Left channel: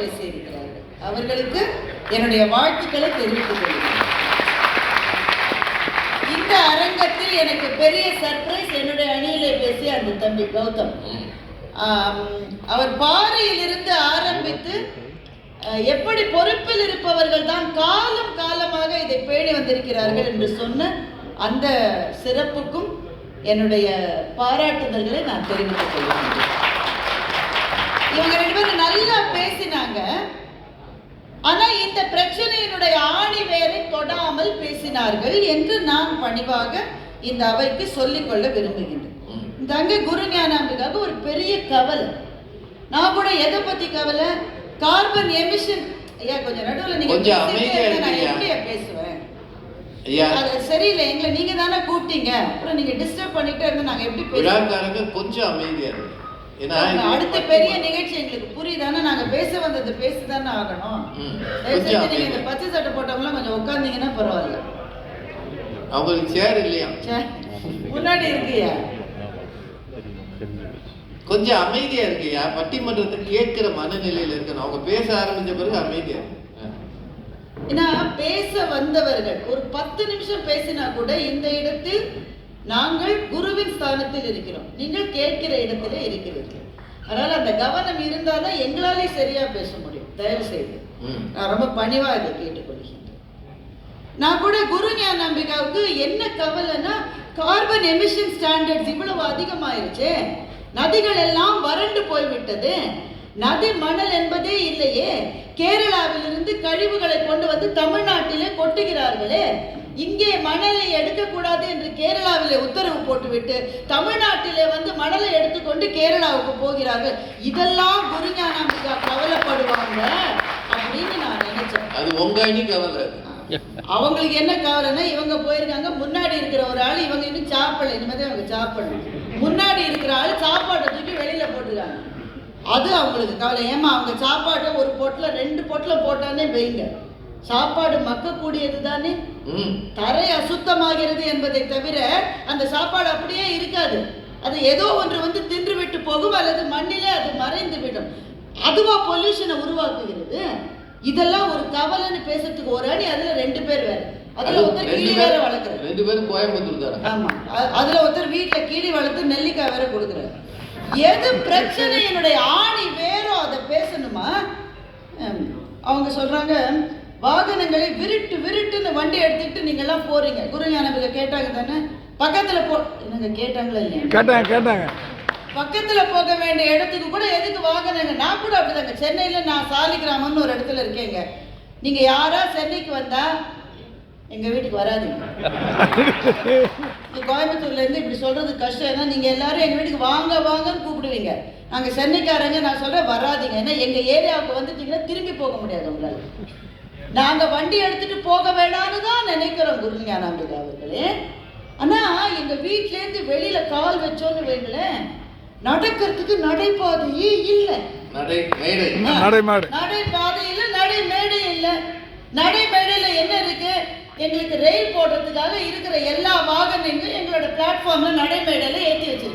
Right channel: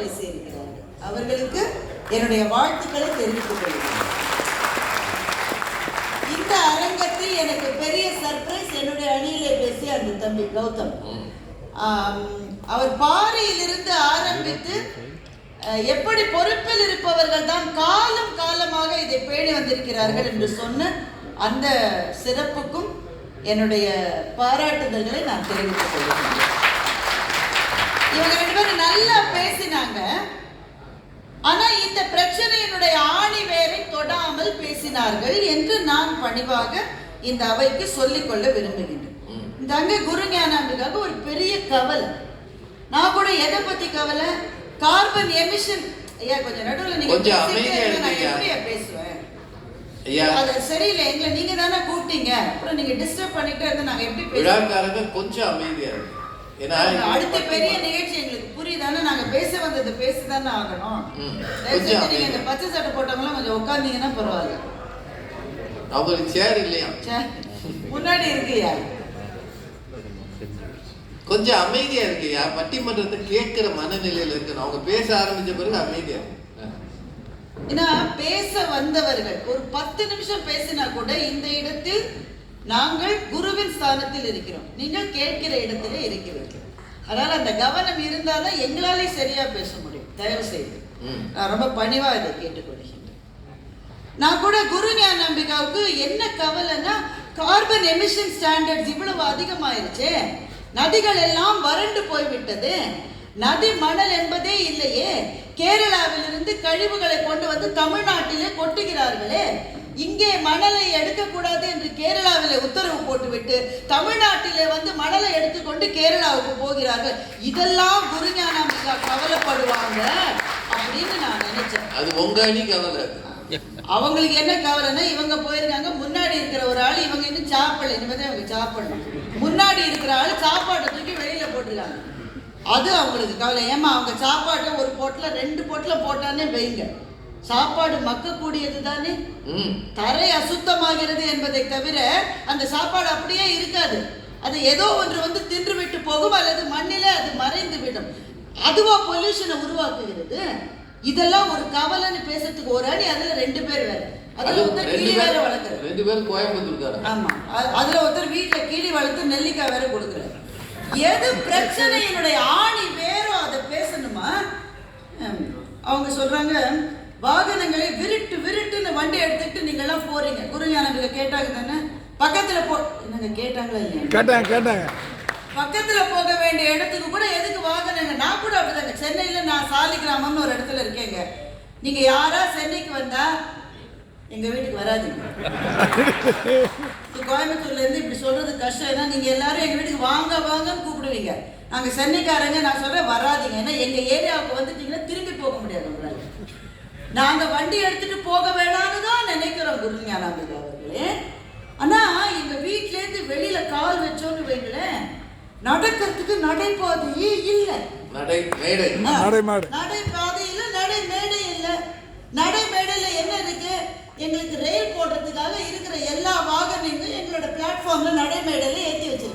பேசியிருக்கிறார்கள். அவர்களுக்கு என்னுடைய வாழ்த்துக்களை தெரிவித்துக் கொள்கிறேன். இந்த அரங்கத்தில் எனக்கு பெரிய சர்ப்ரைஸ் என்னுடைய அணியிலே பேசிய அந்த தம்பி கௌதம். அவர் பாறையிலிருந்து ஆரம்பித்து எப்படி பொறுப்பில் இருப்பவர்கள் தான் காலம் காலமாக இதை பேணி வந்திருக்கிறார்கள் என்று சொன்ன அந்த சிறப்புக்கும் என்னுடைய பாராட்டுதல்களை நான் தெரிவித்துக் கொள்கிறேன். இவங்க ரெண்டு நல்லா பேசினாங்க. ஆனா இந்த பிரச்சனையினுடைய ஆணி வேரை தொடாமல் பேசினார்கள் என்று நான் பணிவாக இந்த அவைக்கு சொல்லிக்கொள்ள விரும்புகின்றேன். இந்த அங்கே குரு ஞானாம்பிகாவுக்கு ஒரு பெரிய கவலை. நான் கூட எதை பத்தி கவலை? கார்பன் எமிஷன் ஐயா கொஞ்சம் நடுவுல நீங்க நான் எப்படியா பேசுவேன். அது சரியில்லை எங்களை நீங்க தானே கூப்பிட்டீங்க. அப்புறம் நீங்க டிஸ்டர்ப் பண்ணிட்டே இருந்தா நாங்க எப்படி விழாக்காரங்க கொஞ்சம் அமைதியா இருக்கு ஏன்னா அடுத்த பெரிய நிகழ்ச்சி எங்களுக்கு புரியுதானே? நாங்க பேச வந்தது பேசிதானே ஆகணும். நீங்க இந்த பச்சை சட்டை போட்டவங்களாம் கொஞ்சம் உட்காந்தீங்கன்னா பரவாயில்ல. அவங்களுக்கு சேர் இல்லையா? முன்னாடி இருக்குயா? கொஞ்சம் அமைதியா இருக்குயா? பட்டிமன்றத்தை கேட்கிற மனநிலையில இருக்கணும். அவங்க பேச ஆரம்பிச்ச பிறகு அமைதியா. ஏன்னா பேச வந்தவர்கள் ஒரு பத்து நிமிஷம் பேசினா கூட இந்த இடத்தில் நாங்கள் குருவின் ஸ்தானத்தில் இருக்கிறோம். நீங்கள் கேட்கிற இடத்திலே இருக்கிறீர்கள். அதனால அந்த கவனம் இருந்தாதான் எங்களாலே சரியா பேச முடியும். தயவு செய்து. நான் ரொம்ப பணிவா இதை கேட்டுக்கொள்கின்றேன் நான் கூட குரு ஞானாம்பிகாவுக்கு என்ன கவலைன்னா கார்பன் எமிஷன் ஸ்டாண்டர்ட்ஸ் இவ்வளவு அதிகமாயிருச்சே. நதிகள் எல்லாம் வறண்டு போய்விட்டது. நதி மணல் என்பதே இல்லையே. கேரளாவிலிருந்து கழிவுகளை கொண்டு வந்து தமிழ்நாட்டிலே கொட்டுகிறார்களே. இங்கே மணலை எடுக்கக்கூடாது என்று கேரளாவிலே உத்தரவு போட்டுவிட்டு தமிழ்நாட்டிலே வந்து மணலை எடுத்துக்கொண்டு கேரளாவுக்கு போகிறார்கள். இதெல்லாம் குரு ஞானாம்பிகா கவலைப்படுவாங்க அப்படின்னு நான் நினைச்சேன். அது உங்க அணி கவலை. அவங்களுக்கு என்ன கவலைன்னா இவங்க போயிருக்காங்க முன்னாடி இருக்கிற ஒரு ஆள் இவங்க இன்னும் சாப்பிடல இனிமேதான் இவங்க சாப்பிடணும். முன்னாடி இருக்கிற ஆள் சாப்பாட்டை தூக்கி வெளியில போட்டுருக்காங்க அது அவங்களுக்கு கவலை. ஏமா அவங்க சாப்பாட்டை ஒரு பொட்டில் ரெண்டு பொட்டில் போட்டானே வைங்க சாப்பாடு மக்கக்கூடியது தானே. தரை அசுத்தமாகிறது என்பதை தவிர அந்த சாப்பாடு அப்படியே இருக்காது. அது ஏதோ ஒன்று வந்து தின்று விட்டு போகும் அல்லது மண்ணிலே அது மறைந்து விடும் அதுவா பொல்யூஷனை உருவாக்குகிறது? இதெல்லாம் ஒரு கவலைன்னு பேசுறதுக்கு ஒரு அணி அதுல ரெண்டு பேர் வேற. அதுல அது ஒருத்தர் கிளி வேற வளர்க்குறாரு. ரெண்டு பேரும் கோயம்புத்தூர் ஆமா. அதுல ஒருத்தர் வீட்டுல கிளி வளர்த்து நெல்லிக்காய் வேற கொடுக்குறாரு. எது பிரச்சனையினுடைய ஆணி வேறோ அதை பேசணுமா? அவங்க சொல்றாங்க வாகனங்களை விருட்டு விருட்டுன்னு வண்டி எடுத்துட்டு நீங்க எல்லாம் போறீங்க. குருஞானவில கேட்டாங்க தானே? பக்கத்துல போ என்னங்க கேட்டாங்களா இல்லையா? கேட்டாங்க கேட்டாங்க. பக்கத்துல போக வேண்டிய இடத்துக்கு கூட எதுக்கு வாகனங்க? நான் கூட அப்படிதாங்க. சென்னையில நான் சாலிகிராமம்னு ஒரு இடத்துல இருக்கேங்க. நீங்க யாரா சென்னைக்கு வந்தா எங்க வீட்டுக்கு வராதீங்க. கோயம்புத்தூர்ல இருந்து இப்படி சொல்றது கஷ்டம். ஏன்னா நீங்க எல்லாரும் எங்க வீட்டுக்கு வாங்க வாங்கன்னு கூப்பிடுவீங்க. நாங்க சென்னைக்காரங்க நான் சொல்றேன் வராதீங்க. ஏன்னா எங்க ஏரியாவுக்கு வந்துட்டீங்கன்னா திரும்பி போக முடியாது உங்களால. நாங்க வண்டி எடுத்துட்டு போக வேணாம்னு தான் நினைக்கிறோம் குருஞானாம்பிகா அவர்களே. ஆனா எங்க வீட்ல இருந்து வெளியில கால் வச்சோன்னு வைங்களேன் நடக்கிறதுக்கு நடைபாதையே இல்லை. நடை மேடை. நடைமாடு நடை பாதை இல்ல நடை மேடை இல்ல. நடை மேடையில என்ன இருக்கு? எங்களுக்கு ரயில் போடுறதுக்காக இருக்கிற எல்லா வாகனங்களும் எங்களோட பிளாட்ஃபார்ம்ல நடை மேடையில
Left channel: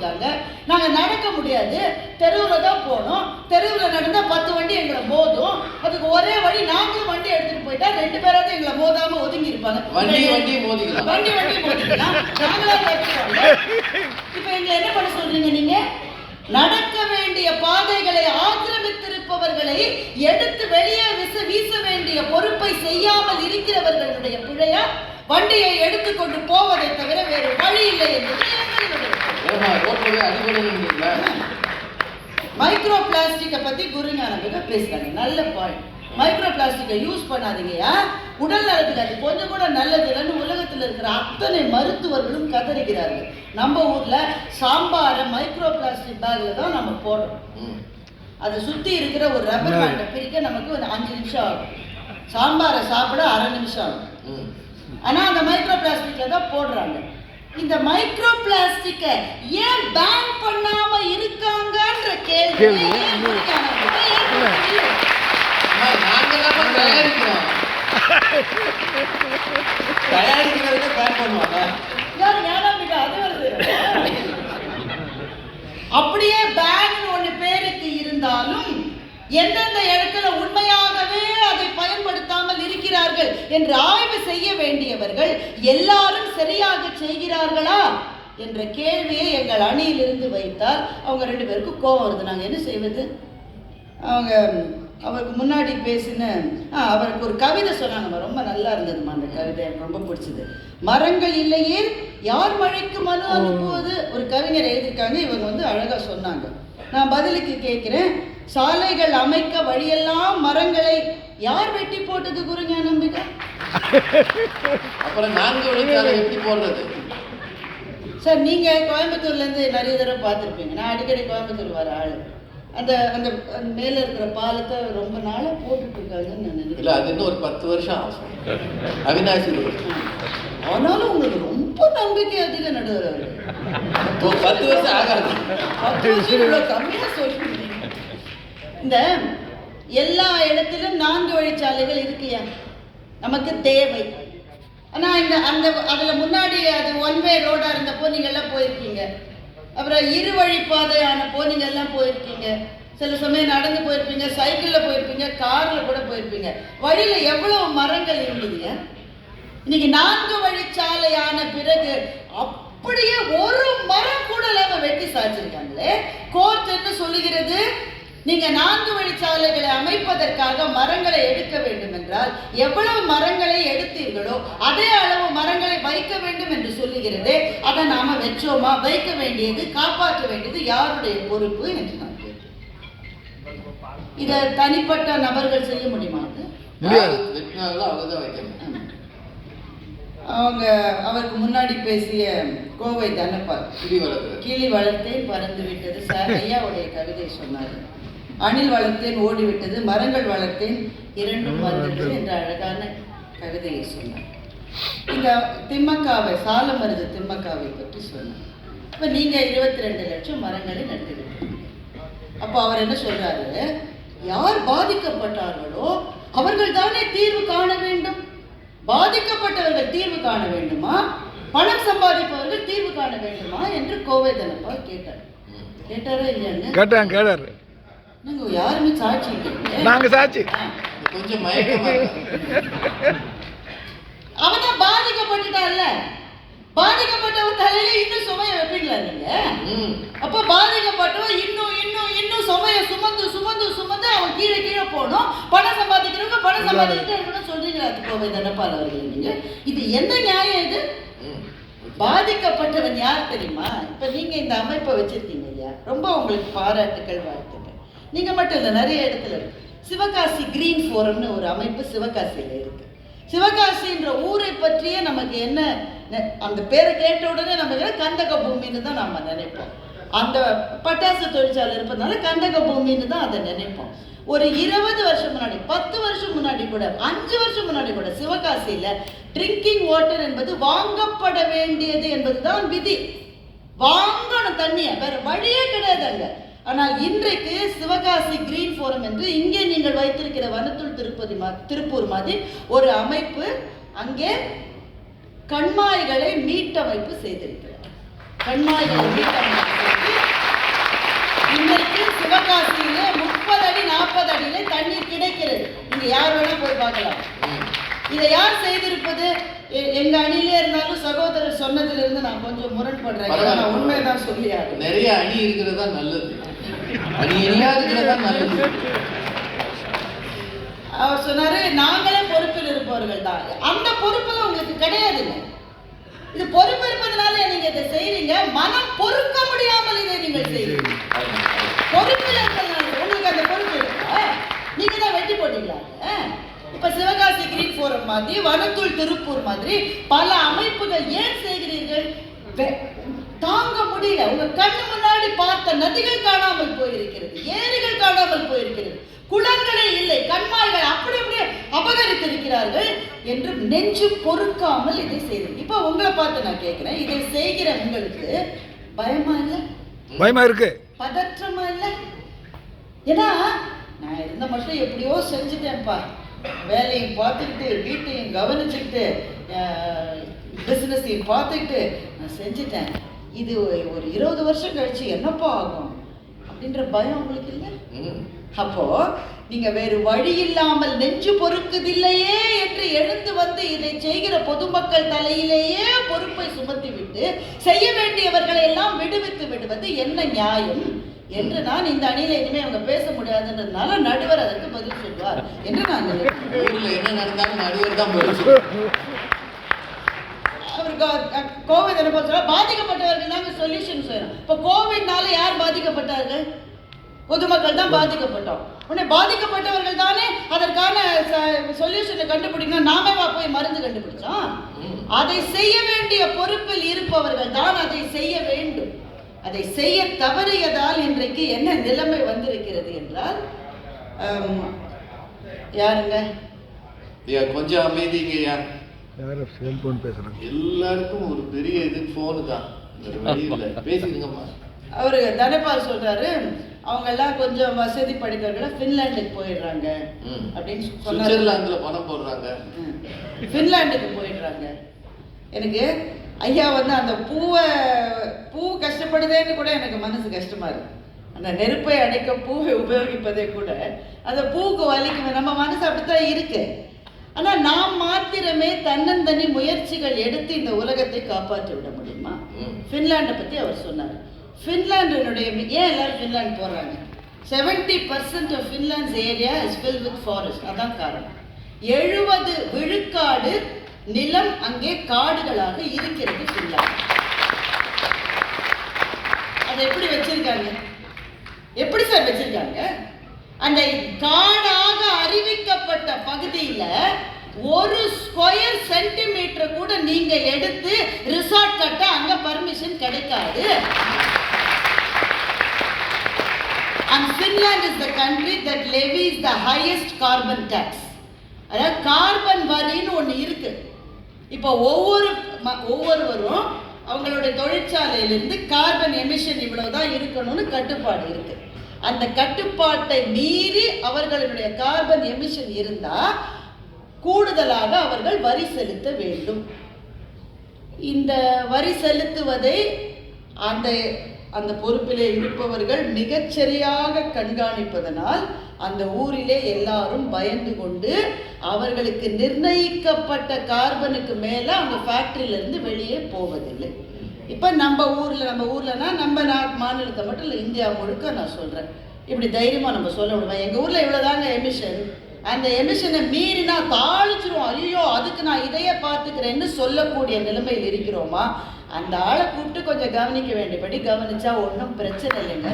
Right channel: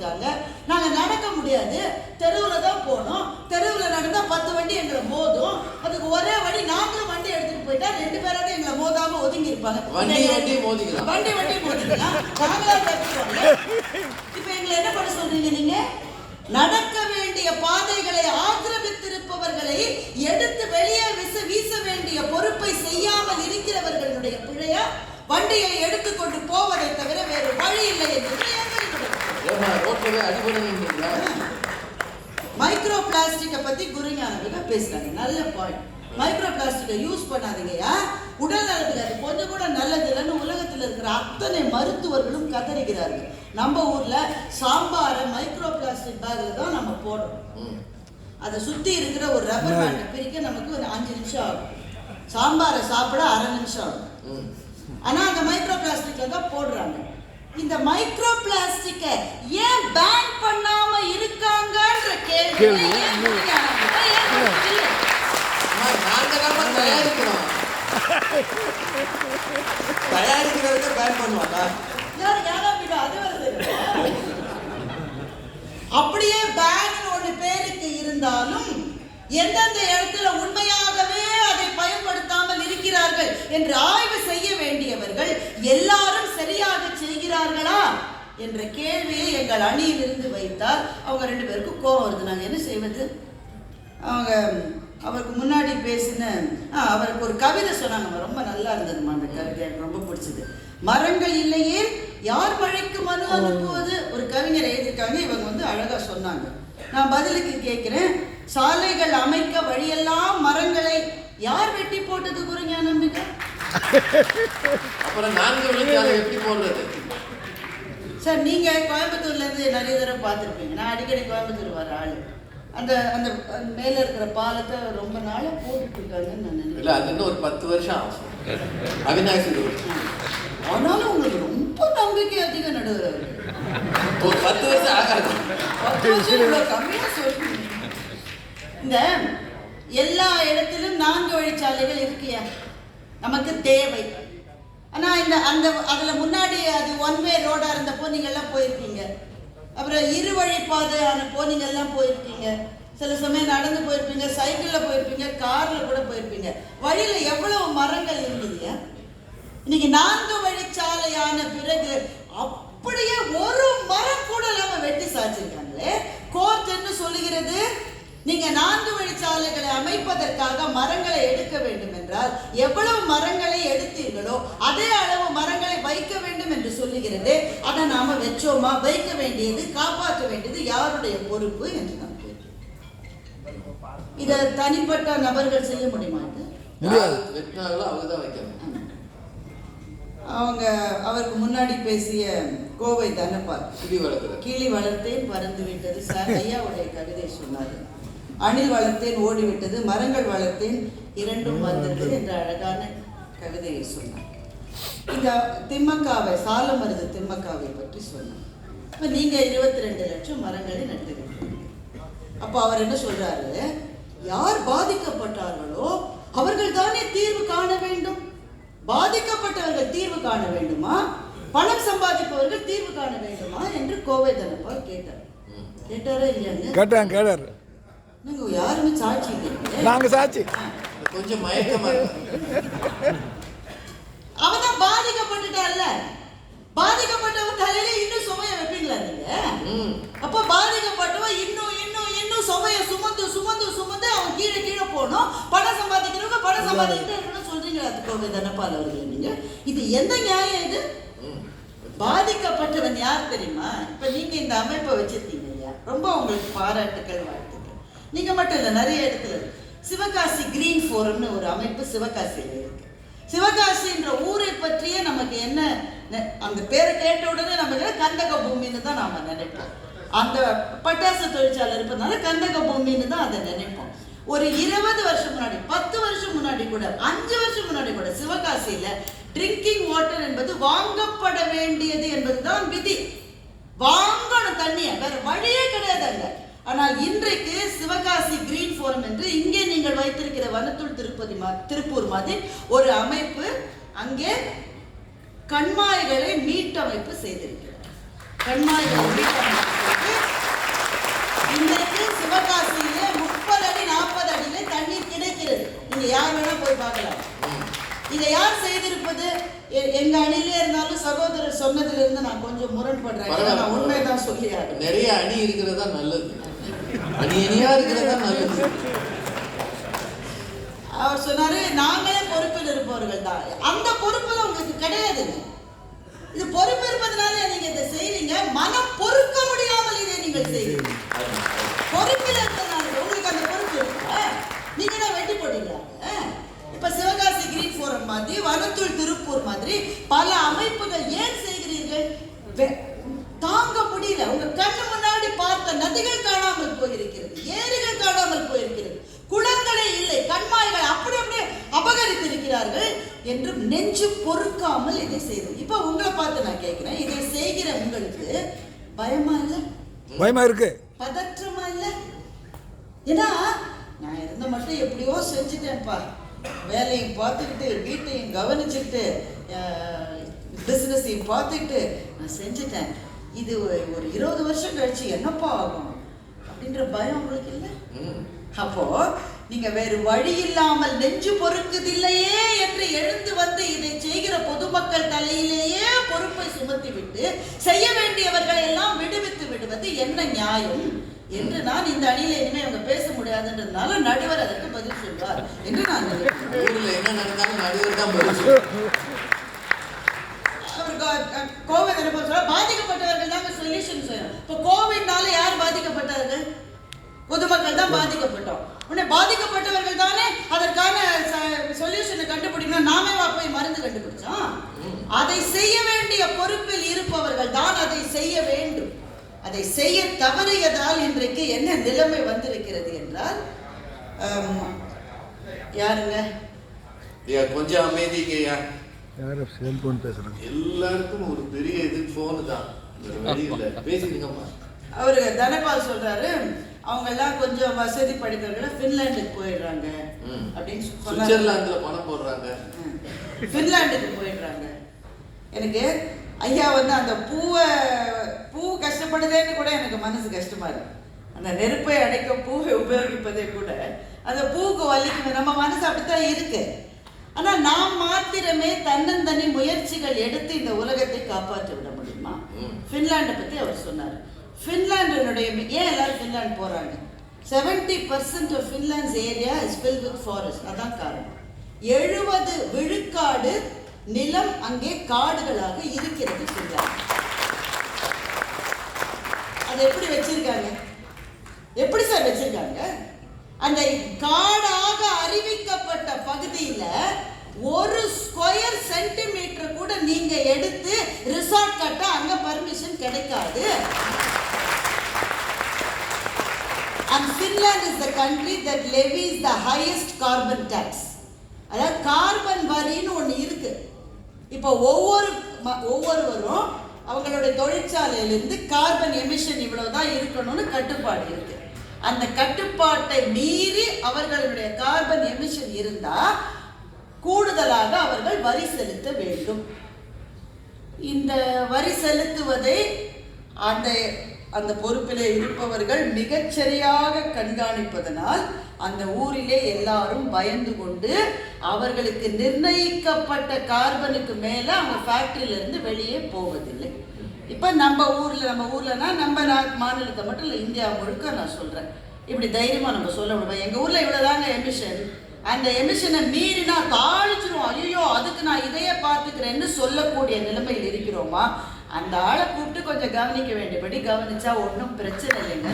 வச்சிருக்காங்க நாங்க நடக்க முடியாது. தெருவுல தான் போகணும் தெருவுல நடந்தா பத்து வண்டி எங்களை மோதும். அதுக்கு ஒரே வழி நாங்களும் வண்டி எடுத்துட்டு போயிட்டா ரெண்டு பேராவது எங்களை மோதாம ஒதுங்கி இருப்பாங்க வண்டி வண்டி மோதிக்கலாம். வண்டி வண்டி போட்டுக்கலாம் நாங்களாம். இப்ப எங்களை என்ன பண்ண சொல்றீங்க நீங்க? நடக்க வேண்டிய பாதைகளை ஆக்கிரமித்திருப்பவர்களை எடுத்து வெளியே வீச வீச வேண்டிய பொறுப்பை செய்யாமல் இருக்கிறவர்களுடைய பிழையா வண்டியை எடுத்துக்கொண்டு போவதை தவிர வேறு வழி இல்லை என்பது மைக்ரோ பிளாஸ்டிக்கை பத்தி குருஞானவிக பேசுறாங்க. நல்ல பாயிண்ட் மைக்ரோ பிளாஸ்டிக்கை யூஸ் பண்ணாதீங்கயா உடல் நலத்துக்கு அது கொஞ்சம் கூட நல்லது இல்லைன்னு உலகத்தில் இருக்கிற அத்தனை மருத்துவர்களும் கதறுகிறார்கள் நம்ம ஊர்ல சாம்பாரை மைக்ரோ பிளாஸ்டிக் பேக்ல தான் நம்ம போடுறோம். ம். அதை சுத்தி இருக்கிற ஒரு ரப்பர் பேண்டை பிரிக்க நமக்கு ஒரு அஞ்சு நிமிஷம் ஆகும். சாம்பாரை சாப்பிட அரை நிமிஷம் ஆகும். ம். ஆனா அந்த மைக்ரோ பிளாஸ்டிக்ல தான் போடுறாங்க. இந்த மைக்ரோ பிளாஸ்டிக்கை ஏன் பேன் பண்ணாம இருக்காங்கன்ற கேள்வி. அப்படியே பேன் ஒண்ணு பேருக்கு இருந்தாலும் எந்தெந்த இடத்துல உண்மையாகவே அதை பயன்படுத்தாமல் இருக்கிறார்கள் என்று ஆய்வு செய்ய வேண்டியவர்கள் எல்லாரும் சரியாக செய்கிறார்களா? என்ற கேள்வியை எங்கள் அணியிலிருந்து வைத்தால் அவங்க ரெண்டு பேருக்கும் கோபம் வருது. நாங்கள் என்ன செய்வது? அவங்க அவருக்கு முன்னாடி பேசின அவருக்கு ஒரு கவிதை சொன்னாங்க. ரொம்ப நல்லா இருந்ததுமா அந்த கவிதை. எனக்கு ரொம்ப பிடிச்சது. மரங்கள் இல்லையே யார் மழைக்கு மனு அனுப்புவது? ஒரு கவிஞர் எழுதியிருக்காங்க. இவங்க வந்து அழகா சொன்னாங்க. நான் பதிலுக்கு கேட்கிறேன். சாலைகள் அமைக்க வழியெல்லாம் மரங்களை யார் வெட்டி போட்டது? குருஞா நம்பிக்கை. சார் நீங்க கோயம்புத்தூர்ல இருந்து நிறைய தடவை பார்த்துருப்பீங்க. நான் அடிக்கடி கோயம்புத்தூர் வர ஆளு. அந்த அந்த மேல இருக்கிற பாலத்தை ரொம்ப நாளா போட்டுட்டு இருக்காங்கன்னு நான் நினைக்கிறேன். அது இன்னும் ஒரு பத்து வருஷம் ஆகும். அவினாசி. ஆனாலும் உங்களுக்கு ரொம்ப நம்பிக்கை அதிக நடுவர் ஒரு பத்து வருஷம் ஆகாது. இந்த எல்லா இடத்திலும் நான்கு வழிச்சாலைகள் இருக்கியா நமக்கு தேவை. ஆனால் இந்த அந்த அதில் முன்னாடி அது ஒன் வே ரோடாக இருந்தப்போ நீங்கள்லாம் போயிருக்கீங்க. அப்புறம் இரு வழி பாதையானப்போ நீங்க எல்லாம் போயிருக்கீங்க. சில சமயம் நடந்து போயிருப்பீங்க சைக்கிளில் போயிருப்பீங்க காரில் கூட போயிருப்பீங்க. வழியில் எவ்வளவு மரங்கள் இருந்ததுங்க இன்னைக்கு நான்கு வழிச்சாலையான பிறகு அப்படியே ஒரு மரம் கூட இல்லாமல் வெட்டி சாய்ச்சிருக்காங்களே. கோர்ட் என்ன சொல்லுகிறது? நீங்க நான்கு வழிச்சாலைகளை அமைப்பதற்காக மரங்களை எடுக்க வேண்டும் என்றால் எவ்வளவு மரங்களை எடுத்தீர்களோ அதே அளவு மரங்களை வைக்க வேண்டும் என்று சொல்லுகிறது. அதை நாம வச்சோமா வைக்க வேண்டியது காப்பாற்ற வேண்டியது யாருடைய பொறுப்பு என்று நான் இதை தனிப்பட்ட நபர்கள் செய்ய முடியுமா? முடியாது. அவங்க அவருக்கு முன்னாடி பேசிய கோவை வளர்க்குறது கிளி வளர்த்தேன் பறந்து விட்டது. சார் ஐயாவுடைய கவிதை சொன்னார். அணில் வளர்த்தேன் ஓடிவிட்டது மரங்கள் வளர்த்தேன் இரண்டும் வந்தது. என்ற அழகான கவிதையை சொன்னார். இந்த திம்மக்காவை சாலமருது திம்மக்காவை பற்றி சொன்னார். இப்ப நீங்க இருபத்தி ரெண்டு லட்சம் மரங்களை நட்டிருக்கீங்க. அப்போ அவர் என்ன சொல்றாரு? யார் பாதிக்கப்பட்டார்களோ அவர்கள் தானே தீர்வு காண வேண்டும். பாதிக்கப்பட்டவர்கள் தீர்வு காண வேண்டுமா? பணம் சம்பாதிப்பவர்கள் தீர்வு காண வேண்டுமா? என்று கோவை தனபால் கேட்டார். கேட்டாரா இல்லையாங்க? கேட்டாங்க கேட்டார். யாருமே சாட்சி. நாங்க சாட்சி. கொஞ்சம் மயக்கமா. அவன் பாதிக்கப்பட்டுட்டான்ல. பாதிக்கப்பட்டவன் தலையில இன்னும் சுமைய வைப்பீங்களா நீங்க. அப்ப பாதிக்கப்பட்டவன் இன்னும் இன்னும் இன்னும் சுமைய சுமந்து சுமந்து சுமந்து அவன் கீழே கீழே போகணும். பணம் சம்பாதிக்கிறவங்க பணம் சம்பாதிக்கிட்டு இருக்கணும்னு சொல்றீங்களா அது கோவை தனபால் அவர்கள் நீங்க? இது எந்த நியாயம் இது. பாதிக்கப்பட்டவன் யார் தெரியுமா? இப்ப நீங்க இந்த அமைப்பை வச்சிருக்கீங்க இல்லையா? ரொம்ப உங்களுக்கு பாராட்டுக்கள் வாழ்த்துக்கள் நீங்க மட்டும் இல்லை நிறைய இடத்துல சிவகாசி கிரீன் ஃபோரம்னு ஒரு அமைப்பு சிவகாசியில் இருக்கு. சிவகாசின்ற ஊரை பற்றியே நமக்கு என்ன அந்த பேரை கேட்ட உடனே நமக்கு கந்தக பூமின்னு தான் நம்ம நினைப்போம். அந்த பட்டாசு தொழிற்சாலை இருப்பதுனால கந்தக பூமின்னு தான் அதை நினைப்போம். ஒரு இருபது வருஷம் முன்னாடி பத்து வருஷம் முன்னாடி கூட அஞ்சு வருஷம் முன்னாடி கூட சிவகாசியில ட்ரிங்கிங் வாட்டர் என்பது வாங்கப்பட வேண்டியது என்பதுதான் விதி. வாங்கணும் தண்ணிய வேற வழியே கிடையாது அங்க ஆனால் இன்றைக்கு சிவகாசி கிரீன் ஃபோரம் என்று இங்கே நீங்கள் வைத்திருக்கிற வனத்துள் திருப்பதி திருப்பூர் மாதிரி ஒரு அமைப்பு அங்கே கண்மாய்களை மீட்டமைப்பு செய்திருக்கிறார் கண்மாய்களை மீட்டமைப்பு. இன்றைக்கு சிவகாசியில முப்பது அடி நாற்பது அடியில தண்ணீர் கிடைக்கிறது. நீங்க யார் வேணா போய் பார்க்கலாம். இதை யார் செய்திருப்பது? எங்க அணியிலே இருந்தாலும் சகோதரர் சொன்னதுல இருந்து நான் கொஞ்சம் முரண்படுறேன். நான் உண்மைதான் சொல்லியாரு நிறைய அணி இருக்கிறது தான் நல்லது. இருக்கிறது நல்லது. அவர் சொன்னாரு நாங்களே பொறுப்பில் இருப்பவர்கள் தான். அந்த பொறுப்புல உங்களுக்கு கிடையாதுங்க இது பொறுப்பு இருப்பதனால நீங்க இதை செய்யறீங்க மனம் பொறுக்க முடியாமல் இதை நீங்கள் செய்யறீங்க பொறுப்பில் இருப்பதனால உங்களுக்கு அந்த பொறுப்பு இருக்கா? நீங்க தான் வெட்டி போட்டீங்களா? இப்ப சிவகாசி கிரீக் போரம் மாதிரி வனத்துள் திருப்பூர் மாதிரி பல அமைப்புகள் ஏன் செய்கிறீர்கள்? தாங்க முடியல. உங்க கண்ணு பார்த்த நதிகள் காணாமல் போயிருக்கிறது ஏரிகள் காணாமல் போயிருக்கிறது. குளங்களே இல்லை கண்மாய்கள் அப்படி அப்படியே அபகரித்திருக்கிறார்கள் என்று நெஞ்சு பொறுக்காமல் இதை செய்தது. இப்ப உங்களை பார்த்து நான் கேட்கிறேன் இதை செய்கிற உங்களுக்கு பயமா இல்லை? பயமா இருக்கு. பதற்றமா இல்ல? ஏன்னா நான் இருந்த மட்டும் எப்படியோ செஞ்சுட்டேன்ப்பா. வேலையும் பார்த்துக்கிட்டு வீட்டையும் கவனிச்சுக்கிட்டு பிஸ்னஸையும் பார்த்துக்கிட்டு நான் செஞ்சுட்டேன். இது ஒரு இருபது வருஷம் கழிச்சு என்னப்பா ஆகும்? அப்படின்ற பயம் உங்களுக்கு இல்லை. அப்போ நீங்க வேறு வழி இல்லாமல் நெஞ்சு பொறுக்குதில்லையே என்று எழுந்து வந்து இதை செய்கிற பொதுமக்கள் தலையிலேயே பொறுப்பை சுமத்தி விட்டு செய்ய வேண்டியவர்களை எல்லாம் விடுவித்து விடுவது என்ன நியாயம்? என்று நான் இந்த அணியில இனிமே அவங்க பேச முடியாதுன்றதுனால நடுவர் அதற்கு பதில் சொல்வார். என்று நான் என்ன நடந்தாலும் நடுவர் தான் பதில் சொல்லணும். சொல்யூஷன் செய்யணும் இப்போ கோவிட்னால யார் பாதிக்கப்பட்டார்கள்? பொதுமக்கள் தான் பாதிக்கப்பட்டோம். உடனே பாதிக்கப்பட்டவர்கள் தானே அதற்கான சொல்யூஷனை கண்டுபிடிக்கணும். நாமே வா போய் மருந்து கண்டுபிடிச்சோம். அதை செய்ய வேண்டிய பொறுப்பில் இருப்பவர்கள் தான் அதை செய்ய வேண்டும். அதை செய்ய தவறியதால் இன்றைக்கு என்ன நிலைமை வந்திருக்கிறது என்றால் யாருங்க? ஐயா, கொஞ்சம் அமைதிங்கய்யா யாரும் செல்போன் பேசுறாங்க. எல்லாருக்கும் ஒரு பெரிய இது போனு தான். அவரு தனபால் சொல்றாரு அவங்க எல்லாம் கொஞ்சம் வசதி படிக்கிறவங்க ஃபின்லாண்டுக்கு போயிடுறாங்க. அப்படின்னு சுவிட்சர்லாந்துல பணம் போடுறாங்க. ஃபின்லாண்டுக்கு போயிடுறாங்க. எனக்கு ஐயா வந்து அந்த பூவை பூ கஷ்டப்படுதேன்னு கூட எனக்கு மனசு கஷ்டமா இருக்கு. அந்த நெருப்பை அடைக்க பூவை உபயோகிப்பதே கூட அந்த பூவுக்கு வலிக்குமே நம்ம மனசு அப்படித்தான் இருக்கு. ஆனா நாம் மாத்திரமே தன்னந்தனி முயற்சிகள் எடுத்து இந்த உலகத்தை காப்பாற்றி விட முடியுமா. ஃபின்லாண்டை பத்தி அவர் சொன்னார். ஃபின்லாண்டினுடைய ஏன் எல்லாரும் ஃபின்லாண்ட் போறாங்க? Seventy percent of Finland's area is fill with forest அதான் காரணம். எழுபது விழுக்காடு நிலம் அங்கே காடுகளாக இருக்கிறது ஃபின்லாண்ட் அதை எப்படி வச்சிருக்காங்க? எப்படி சார் வச்சிருக்காங்க? அந்த காடாக அறிவிக்கப்பட்ட பகுதியில ஒரு ஸ்கொயர் சென்டிமீட்டர் கூட நீங்க எடுத்து ரிசார்ட் கட்ட அங்க பர்மிஷன் கிடைக்காது. And Finland is the country that levy is the highest carbon tax அதாவது கார்பன் வரின்னு ஒன்று இருக்கு. இப்போ ஒவ்வொரு ம- ஒவ்வொருவரும் அவங்களுடைய தொழிற்சாலையிலிருந்து கார்பன் எமிஷன் இவ்வளவுதான் இருக்கணும்னு கட்டுப்பாடு இருக்கு. அந்த கட்டுப்பாட்டை மீறி அவர்களுடைய கார்பன் எமிஷன் இருந்தால் கூடுதலாக அவர்கள் வரி செலுத்த வேண்டும். இந்த வரி செலுத்துவதை அந்த அந்த பொறுப்பிலே இருப்பவர்கள் மிகச்சரியாக கண்காணிப்பதனால் அந்த ஊரிலே எல்லாரும் பயந்து கொண்டு அவர்களுக்கு நிர்ணயிக்கப்பட்ட கார்பனுக்கு மேல அவங்க ஃபேக்டரியில இருந்து வெளியே போவதில்லை. இப்ப நம்ம ஊர்ல நம்ம ஊர்லனா நம்ம நாட் மாநிலத்தை மட்டும் இல்லை இந்தியா முழுக்க நான் சொல்றேன். இப்படி தைரியமா நம்ம சொல்ல முடியும் எங்க ஊர்ல இவ்வளவுதாங்க எமிஷன் அந்த எமிஷனை மீறினா தாளிச்சிரும் ஐயோ அதுக்கு நான் இதையே பார்த்துக்கிறேன்னு சொல்லக்கூடிய நிலைமையில் இருக்கிறோமா? அந்த ஆளை கூப்பிட்டு கொஞ்சம் கவனிக்க வேண்டியபடி கவனிச்சா ஒன்றும் பிரச்சனை இல்லைங்க.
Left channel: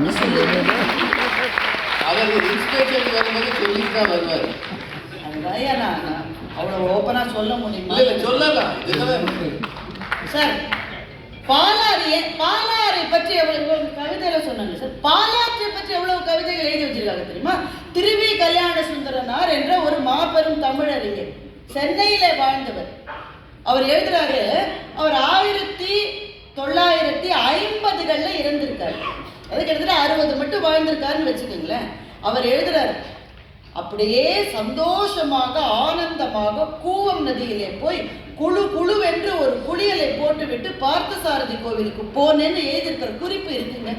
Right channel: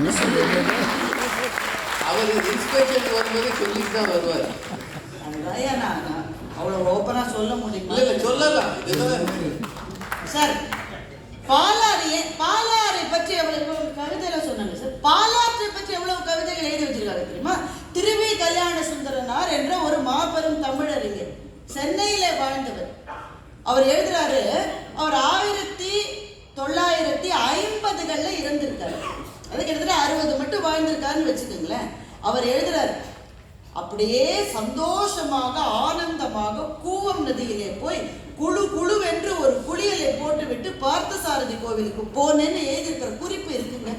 அவர் இன்ஸ்பெக்ஷன் வரும்போது சொல்லிட்டு தான் வருவார். அதுதான் ஏன் நான் அவ்வளோ ஓப்பனா சொல்ல முடியுமா? இல்ல இல்ல சொல்லலாம். சார் பாலாறிய பாலாறை பற்றி எவ்வளவு கவிதையில சொன்னாங்க சார். பாலாற்றை பற்றி எவ்வளவு கவிதைகள் எழுதி வச்சிருக்காங்க தெரியுமா? திருவி கல்யாண சுந்தரனார் என்ற ஒரு மாபெரும் தமிழறிஞர். சென்னையில வாழ்ந்தவர். அவர் எழுதுறாரு அவர் ஆயிரத்தி தொள்ளாயிரத்தி ஐம்பதுகள்ல இறந்திருக்காரு. அது கிட்டத்தட்ட அறுபது மட்டும் வாழ்ந்திருக்காருன்னு வச்சுக்கோங்களேன். அவர் எழுதுறாரு அப்படியே சந்தோஷமாக ஆனந்தமாக கூவம் நதியிலே போய் குழு குழுவென்று ஒரு குளியலை போட்டுவிட்டு பார்த்தசாரதி கோவிலுக்கு போனேன்னு எழுதியிருக்கிற குறிப்பு இருக்குங்க.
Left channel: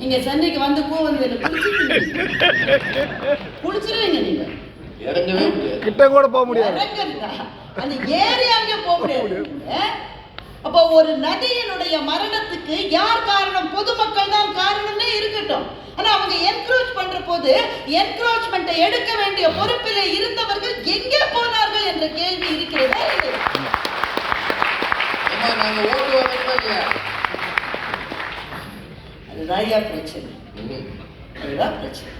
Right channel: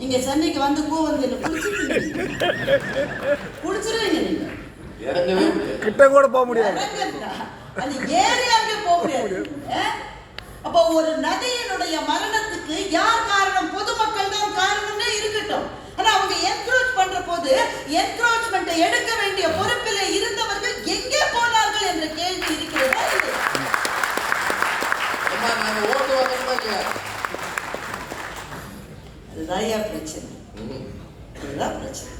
நீங்க சென்னைக்கு வந்து நதியில குளிச்சிருக்கீங்க குளிச்சிருவீங்க. நீங்க. கிட்ட கூட போக முடியாது? அந்த ஏரியாவுக்கே போக முடியாது. அப்போ ஒரு நதியினுடைய மரணத்துக்கு யார் காரணம்? பொதுமக்கள் தான் காரணம்னே இருக்கட்டும். ஆனா அவங்க என்க்ரோச் பண்ற போது என்க்ரோச்மெண்ட்டை எடுக்க வேண்டிய பொறுப்பிலே இருந்தவர்கள் எங்கே போனார்கள் என்ற கேள்வி இருக்கிறதா இது அம்மா நாங்க ஓட்டு வரணுமா இல்லையா? அதுதான் ஐயா பிரச்சனை. ம். அதுதான் பிரச்சனை.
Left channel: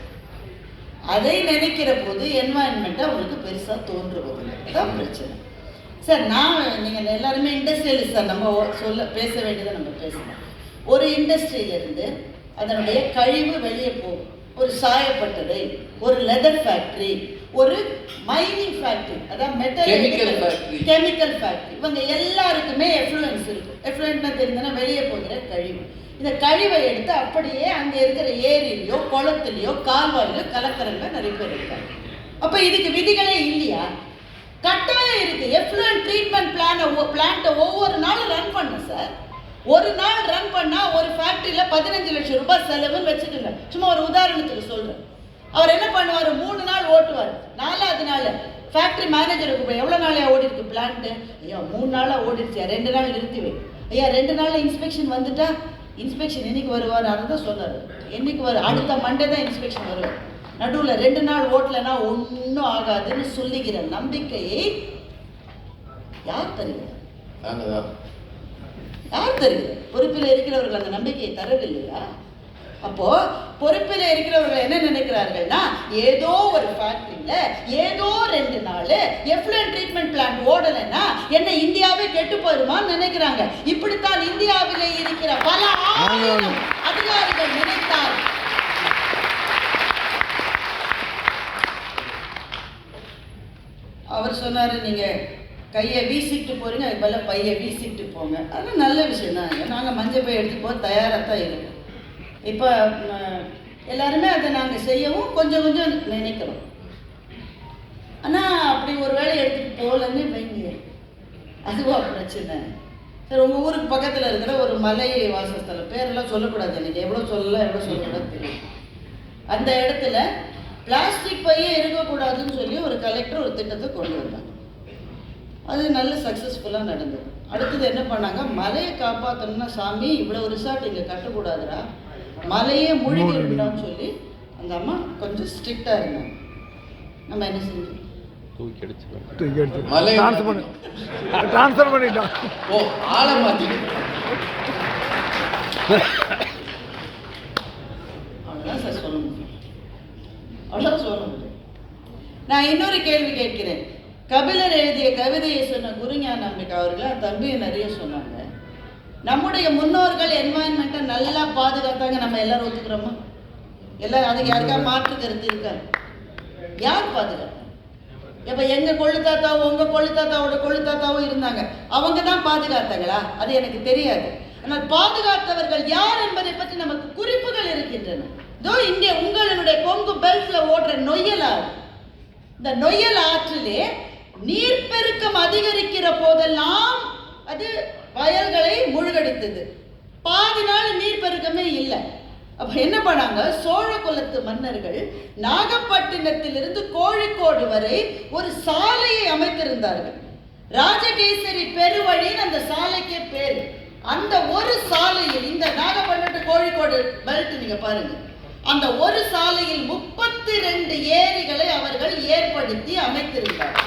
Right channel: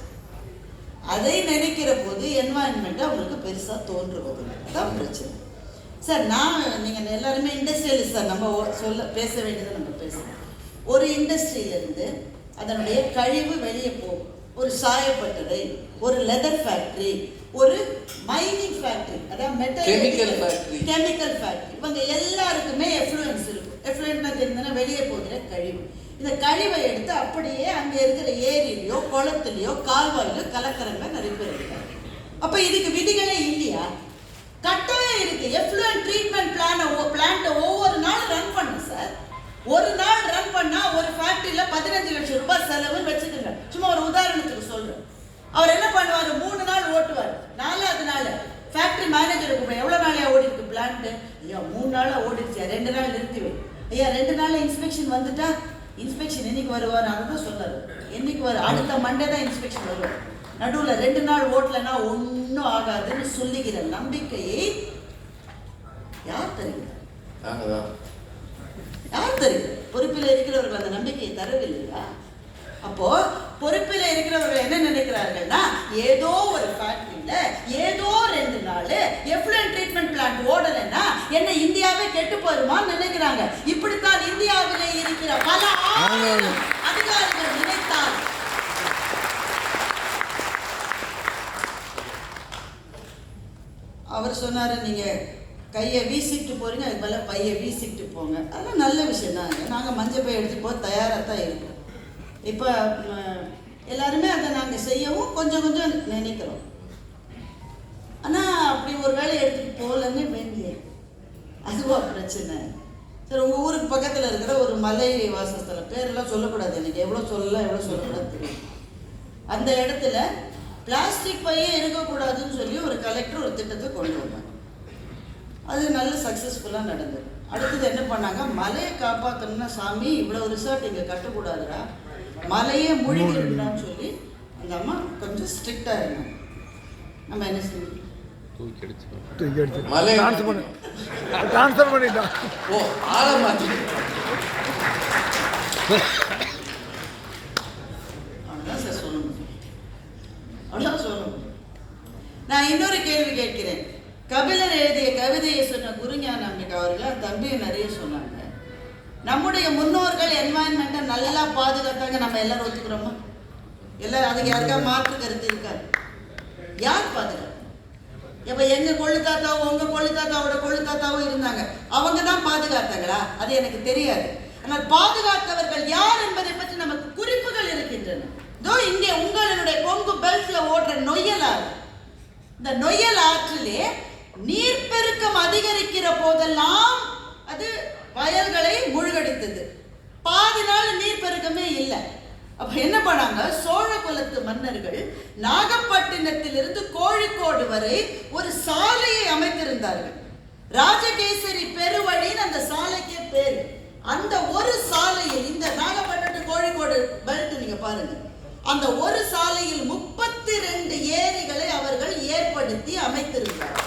அதை நினைக்கிற போது என்வாயன்மெண்ட் அவங்களுக்கு பெருசா தோன்றுவது தான் பிரச்சனை. சார் நான் நீங்க எல்லாருமே இண்டஸ்ட்ரியலிஸ்ட் சார். நம்ம சொல்ல பேச வேண்டியதை நம்ம பேசணும் ஒரு இண்டஸ்ட்ரியில இருந்து அதனுடைய கழிவு வெளியே போகும் ஒரு சாயப்பட்டறை ஒரு லெதர் ஃபேக்டரி ஒரு மைனிங் ஃபேக்டரி அதாவது மெட்டல். கெமிக்கல் ஃபேக்டரி இவங்க எல்லாருக்குமே எஃப்ளூயன்ஸ் இருக்கும் எஃப்ளூயன்ட்னா தெரிஞ்சதுன்னா வெளியே போகிற கழிவு. இந்த கழிவை எடுத்து அப்படியே அங்கே இருக்கிற ஏரியிலையோ குளத்துலையோ கால்வாயிலையோ கலக்கிறவங்க நிறைய பேர் இருக்காங்க. அப்போ இதுக்கு விதிகளே இல்லையா? கட்டாயம் இருக்கு. எஃப்ளூயன்ட் ட்ரீட்மெண்ட் பிளான பிளான்ட்டை ஒவ்வொரு நாளும் ரன் பண்ணும் சார் ஒரு நாள் ரன் பண்ணா ஒரு ஃபேக்ட்ரியில் பதினஞ்சு லட்சம் ரூபாய் செலவுன்னு வச்சுக்கோங்க. சும்மா ஒரு உதாரணத்துக்கு சொல்கிறேன் அவர் என்ன பண்ணுவார்? மூணு நாள் ஓட்டுவார். நாலாவது நாள் ஃபேக்டரி மேனேஜருக்கு போய் எவ்வளவு நாளையா ஓடி இருக்கு பிளான்ட்டு ஐயா மூணு நாளாக ஓடிடுச்சு ரெண்டு நாள் நிறுத்திவேன் ஐயா ரெண்டு நாள் இன்ஸ்பெக்ஷன் வந்துட்டா இன்ஸ்பெக்ஷன் என்னைக்கு வருவார் அதை தான் சொன்னாரு. என்னைக்கு வரும் அடுத்த மண்டே தான் இன்ஸ்பெக்ஷன் வருவார். நடுவுல ரெண்டு நாள் ஓட்டலைன்னா ஒன்றும் ஆகாதுன்னு சொல்லுகிற நம்பிக்கையை யார் தருகிறார் யார் தருகிறது பொறுப்பில் இருக்கிறவர்கள் அந்த நம்பிக்கையை தரவில்லையா? அப்போ பொறுப்பில் இருக்கிறவர்கள் என்ன நினைக்கிறார்கள்னா ஏதோ ஒரு ஃபேக்டரியில ஏதோ ரெண்டு நாள் எவ்வளோ ட்ரீட்மெண்ட் பிளான் ஓடலைன்னா என்ன இந்தியாவே கெட்டு போயிருமான்னு நினைக்கிறாங்க. இப்படித்தான் இந்தியாவிலே இருக்கிற பல அதிகாரிகள் நினைத்தார் அவர் சொன்னாரு நீங்க கையை வீசிட்டு போறீங்க அதுக்கு பதிலா பையை வீசிட்டு போங்க. அதெல்லாம் நல்ல விஷயம் தான் நாங்கள் மஞ்சள் பை எடுத்து போக தயாராக தான் இருக்கோம். இப்போ எல்லாருமே அதை நாங்கள் செய்யவும் கொஞ்சம் கொஞ்சம் நினைக்கிறோம். ஆனால் அப்படி ஒரு வேலை எடுத்துகிட்டு போகலன்னு வைங்க. அதுவா பிரச்சனை. சரி உங்கள் ஊருக்கு பக்கத்தில் இருக்கிற ஒரு மலை வாசஸ்தலம் பேரெல்லாம் சொல்லக்கூடாது எனக்கு. எவ்வளோ சொல்லலாம் எவ்வளோ சொல்லக்கூடாது தெரியும் அந்த இடத்துல பிளாஸ்டிக் பையே இருக்கக்கூடாதுன்னு சொல்லி ஒரு கலெக்டர் ஒரு திட்டத்தை கொண்டு வந்தாங்க. அது நல்ல சக்ஸஸ்ஃபுல்லாக நடந்தது. அடுத்தது என்ன பண்ணாங்க? மலையை காப்பாற்றணும்னா சாமி இவ்வளோ ரிசார்ட் இங்கே கட்டக்கூடாதுடா. மலையே மூழ்கிடணும்னு சொல்லி அந்த அம்மா கொஞ்சம் ஸ்ட்ரிக்டாக இருந்தாங்க. நம்ம என்ன செஞ்சோம் தூக்கி அடிச்சு மலை- ட்ரான்ஸ்ஃபர் பண்ணி. ட்ரான்ஸ்ஃபர் பண்ணிட்டான் ஓ மாத்தி. அவ்வளோதான் சார் சொல்ல முடியும் அவ்வளோதான் சொல்ல முடியும் நான் இன்னொரு கேள்வி கேட்கிறேன். கபிலர் எழுதிய கவிதையை சொன்ன குருஞான அம்பிகா அவர்கள் அந்த தம்பி நிறைய சொன்னாங்க. நம்முடைய முன்னோர்கள் என்வாயன்மெண்ட்டை நல்லா பாதுகாத்தாங்க நம்ம எல்லாரும் ஒத்துக்கிறோமா? எல்லாரும் அதுக்கு யாருக்கா மாற்று கருத்து இருக்காது. யார் பாதுகாப்பு? இப்போ எங்க கொள்ளு தாத்தாவும் உங்க கொள்ளு தாத்தாவோட கொள்ளு தாத்தாவும் இருந்தாங்க. அவங்க தான் பாதுகாத்தாங்களா? அது எனக்கு தெரியாது. ஆனால் பாதுகாத்தவர்கள் யார் என்பதை பற்றி நமக்கு குறிப்புகள் இருக்கின்றன. இதோ இங்கே உங்களுடைய கொங்கு பெல்ட்ல ஓடுற நொய்யல் ஆறு. இந்த நொய்யல் ஆற்றிலே நீர்ப்பெருக்கம் அதிகரிக்கிற போதெல்லாம் அது வயல்களை மூழ்கடித்தது. பாதி நாள் நீர் பெருக்கமே இல்லை. அப்ப என்ன பண்ணாங்க? சோழ குலத்து மன்னர்கள் நாகப்பட்டினத்திலிருந்து கோழிக்கோடு வரை ஒரு சாலையை அமைத்திருந்தார்கள். ராஜகேசரி பெருவழின்னு அந்த சாலைக்கே பேரு. அந்த ஒரு சாலையில் இந்த நாகப்பட்டினம் கோழிக்கோடு பெல்ட் நீங்க பாருங்க. அந்த ஒரு சாலையில் முப்பத்தி ரெண்டு ஏரிகளை அவர்கள் ஏற்படுத்தி அமைத்திருந்தார்கள்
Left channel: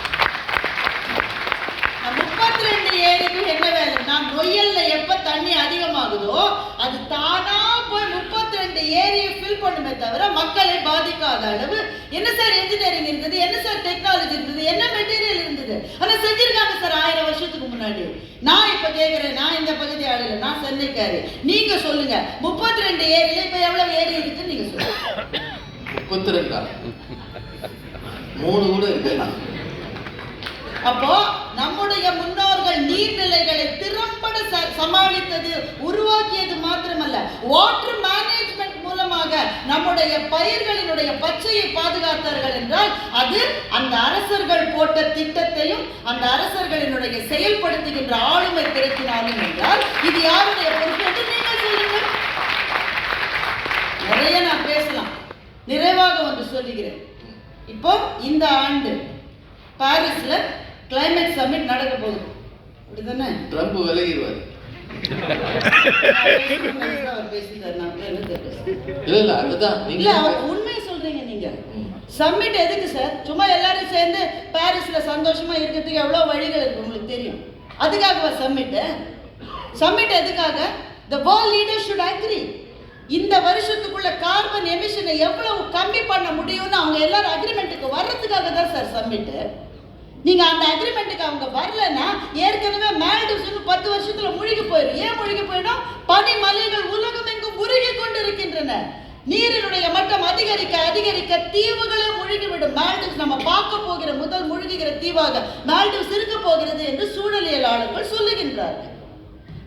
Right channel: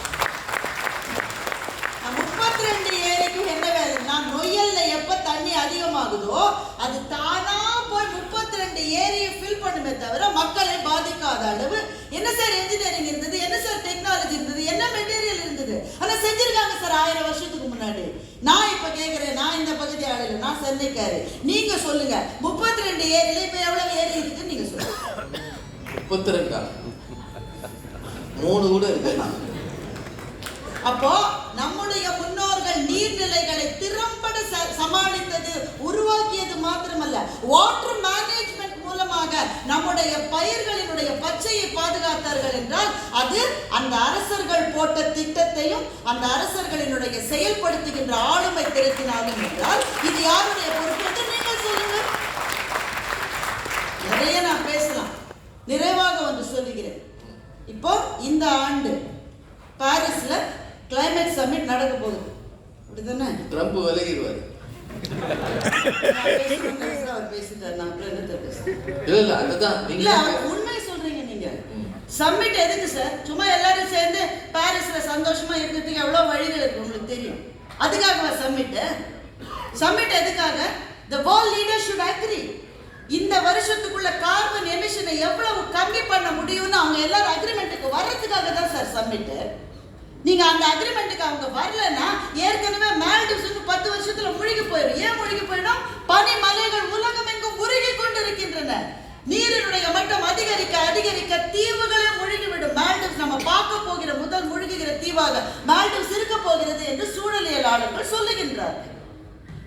முப்பத்தி ரெண்டு ஏரிக்கும் என்ன வேலை நான் நொய்யல்ல எப்ப தண்ணி அதிகமாகுதோ அது தானா போய் முப்பத்தி ரெண்டு ஏரியை ஃபில் பண்ணுமே தவிர மக்களை பாதிக்காத அளவு என்ன சார் இன்ஜினியரிங் இருந்தது? என்ன சார் டெக்னாலஜி இருந்தது? என்ன மெட்டீரியல் இருந்தது? ஆனா செஞ்சிருக்காங்க சார் ஆயிரம் வருஷத்துக்கு முன்னாடி. நான் இப்ப கேக்குறேன். நான் இந்த பகுதி ஆளுல நான் சென்னைக்காரி. நீங்க சொல்லுங்க. முப்பத்தி ரெண்டு ஏரியில இப்ப எவ்வளவு ஏரி இருக்குன்னு நீங்க சொல்லுங்க. மூணு கூட இருக்கு. அப்போ நம்முடைய உங்கள் நீர்நிலைகளை திறம்பட ச- சமாளித்தது உருவாக்கியது மாத்திரமல்ல. வாட்டர் மேனேஜ்மெண்ட் மூலமாக நம்முடைய பயிர்களினுடைய பச்சையை பாதுகாத்தார்கள் என்றால் அது அந்த அரசர்கள் போட்ட திட்டத்தையும் அந்த அரசர்களினுடைய செயல்படுத்துகின்ற ஆளுமை திருத்தினாலும் என்றால் இது யாருடைய பொறுப்பு என்று நீங்கள் சொல்லுங்கள். நிறைய நான் பேசலாம். நிறைவாக ஒன்று சொல்லுகிறேன். இப்போ இந்த ஆண்டு பாரிஸ்ல கிளைமேட் சம்மிட் நடக்க போகுது. அப்படிதானே? ட்ரம்ப் விலகிடுவாரு. இல்ல இல்ல அதுதான். இல்ல உண்மை சொல்றீங்க நீங்க. சம்மிட் எதுக்கு சார் சும்மா எல்லாரும் சேர்ந்து பாரிஸ்ல சந்தோஷமா இருக்கிறதுக்கு எவ்வளவு வழிகள் இருக்கு உங்களுக்கு தெரியும்? அதுக்காகவா சம்மிட் சம்மிட் எதுக்காக? The world leaders should agree. இந்த வருஷத்துக்குள்ள கார்பன் எமிஷனை எவ்வளவு கம்மி பண்ண முடியும்னு அவங்க எல்லாரும் அக்ரிமெண்ட்டுக்கு வர்றதுக்காக தான் சார் சம்மிட் நீங்க அந்த அக்ரிமெண்ட்டுக்கு அவங்க வரலன்னா ஏற்கனவே மால்டிவ்ஸ் பத்து வருஷத்துல முழுகி போயிடும் ஏன் முழுகி போயிடும்? பனி மலைகள் உலகம் எங்கும் உருகி கொண்டிருக்கின்றன. நீரினுடைய மட்டம் அதிகரிக்க அதிகரிக்க தீவுகளே முழுகிவிடும். மால்டிவ்ஸ் நம்ம பார்க்க போகிற முதல் முழுகுகிற தீவாக மால்டிவ்ஸ் இருக்க போகிறது என்று சூழலியலாளர்கள் சொல்லுகின்றார்கள்.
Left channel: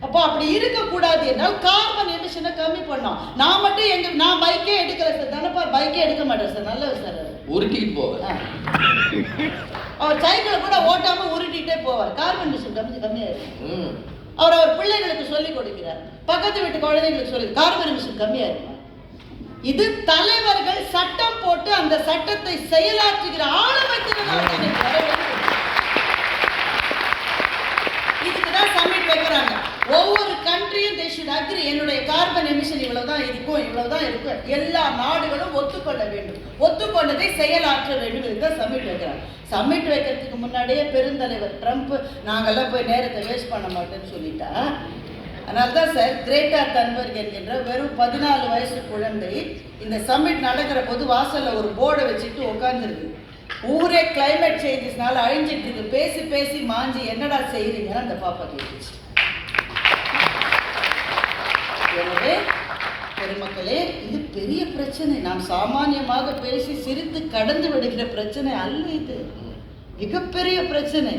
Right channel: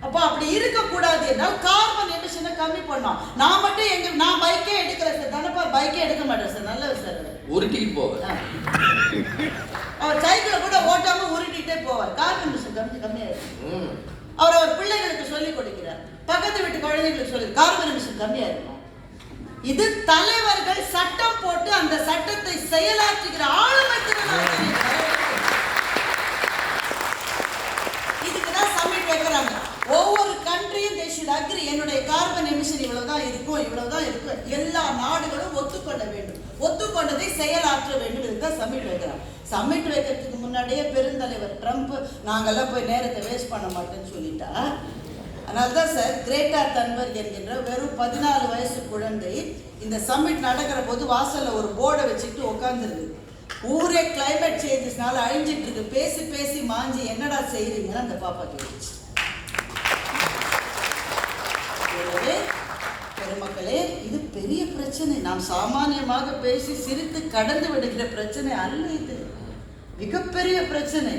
அப்போ அப்படி இருக்கக்கூடாது என்றால் கார்பன் எமிஷனை கம்மி பண்ணோம் நான் மட்டும் எங்க நான் பைக்கே எடுக்கல சார் தானப்பா பைக்கே எடுக்க மாட்டேன் சார் நல்லது சார். உருட்டிட்டு போக. அவர் சைக்கிளை கூட ஓட்டாம உருட்டிட்டே போவார். கார்பன் எமிஷன் கம்மி கம்மியாயிருக்கு. அவர் அவர் பிள்ளைகளுக்கு சொல்லிக் கொடுக்கிறார். பக்கத்து வீட்டு குழந்தைங்களுக்கு சொல்லி கார்பன் எமிஷன் கம்மியா இருக்குமா இது தலைவர்கள் சட்டம் போட்டு அந்த சட்டத்தை செயலாற்றுகிற ஆளுமை. இதுக்குதான் சமிட் வைக்கிறாங்க ஒவ்வொரு கண்ட்ரியும் they should என்னுடைய கார்பன் எமிஷன் இவ்வளவுதான் இருக்கும் இவ்வளவுதான் இருக்கும். எல்லா நாடுகளும் ஒத்துக்கொள்ள வேண்டும். ஒத்துக்கொண்டதை செயலாற்ற வேண்டும் என்று சமிட் வைக்கிறார் சமிட் வைக்கிறதுக்கு முன்னாடியே பெருந்தலைவர் ட்ரம்ப் நாங்கெல்லாம் போய் நேரத்தை வேஸ்ட் பண்ண மாட்டேன்னு சொல்லிட்டா அதனால்தான் சார் கிரேட்டா தன்பர்க் என்கின்ற வெறும் பதினாலு வயசு குழந்தை இந்த சமிட் நடக்கிற போது வாசல்ல ஒரு போர்டை வச்சுட்டு உட்காந்துருது ஊரே கிளைமேட் சேஞ்சஸ்னால அழிஞ்சிட்டு இருக்கு பேசி பேசி மாஞ்சி என்னடா செய்யறீங்கன்னு அந்த பாப்பா கேட்டுச்சு. எனவே பெருமக்களே இது பெரிய பிரச்சனை. நாம் சாமானியமாக பேசி சிரித்து கடந்து விடுகிற பிரச்சனை அல்ல இது. மிகப்பெரிய பிரச்சனை.